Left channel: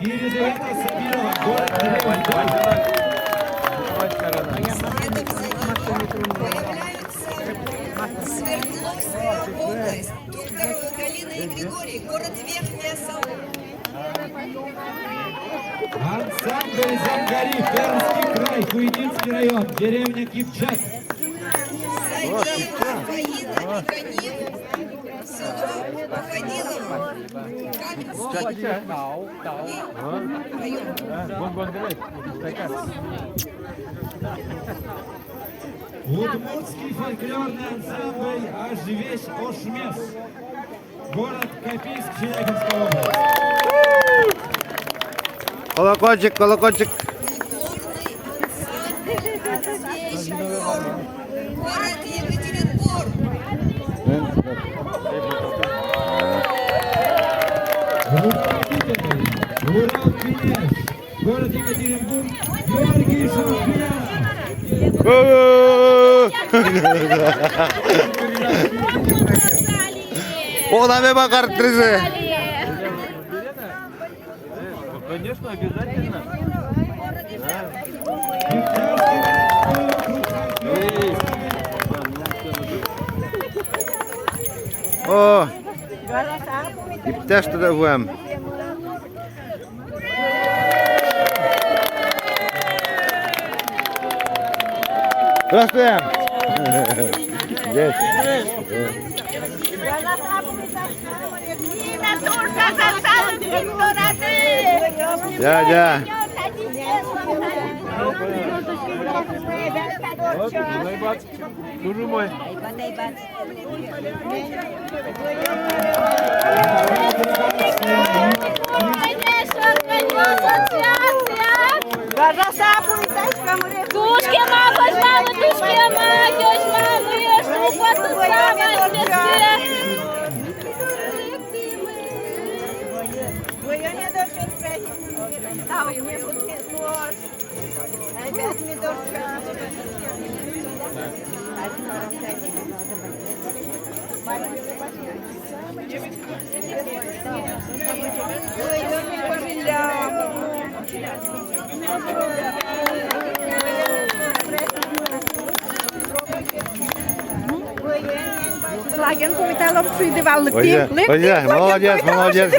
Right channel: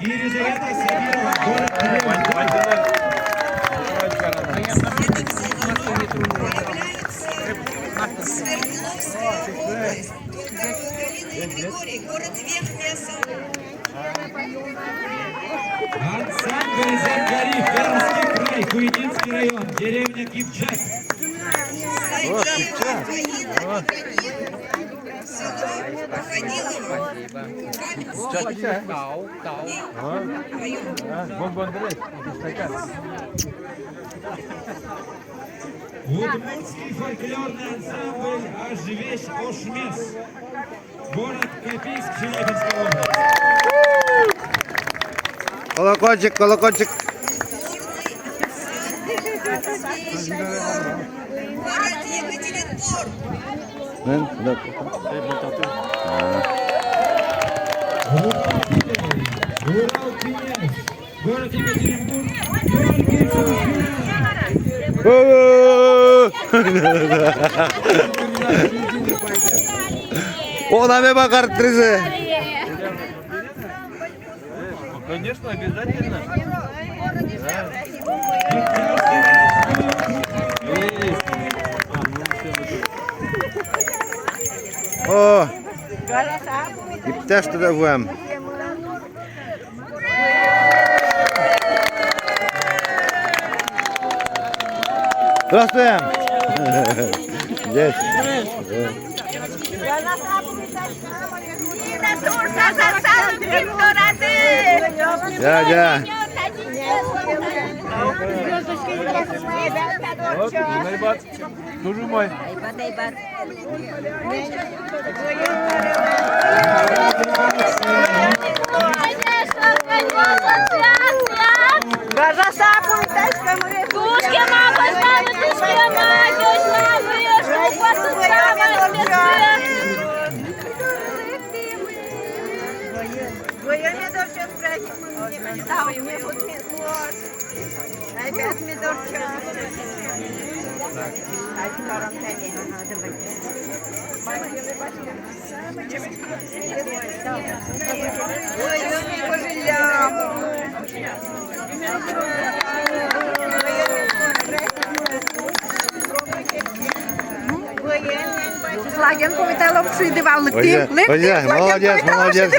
Елизавета Сабирова, город Кривой. Свердловская область, Токарев Галина и Григорий, город Верхняя Салона. Ансамбль Зангари, Пермский край, Хуйнинский район, деревня Кипчак. Сагиева Фаина Никонин, село Походилово, Удмуртский фольклорный ансамбль «Ажвесь Ошмес», город Копейск, Челябинская область. Колокольчик, колокольчик. город Екатеринбург. Группа Питер, Урал Князь, город Екатеринбург, Георгий Шамширянов. Ona bir bakar trizi. Конечно, обязательно. O. İptaş da vuam. Здравствуем. Здесь. Ja. Durmay. Лаген повітала в цей диван Ой, молодец, молодец.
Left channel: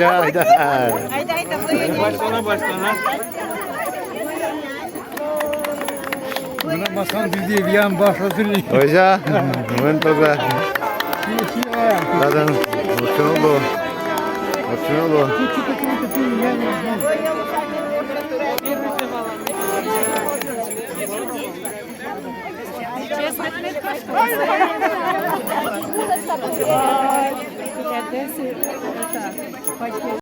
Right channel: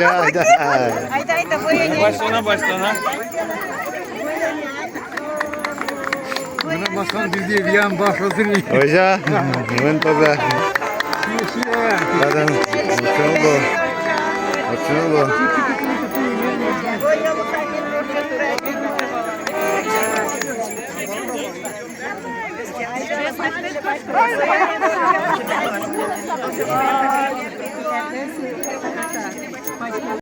Başlana başlana. Bakan bizi riyan başlasın. Hoca, ben toza. Zaten uçun oldu.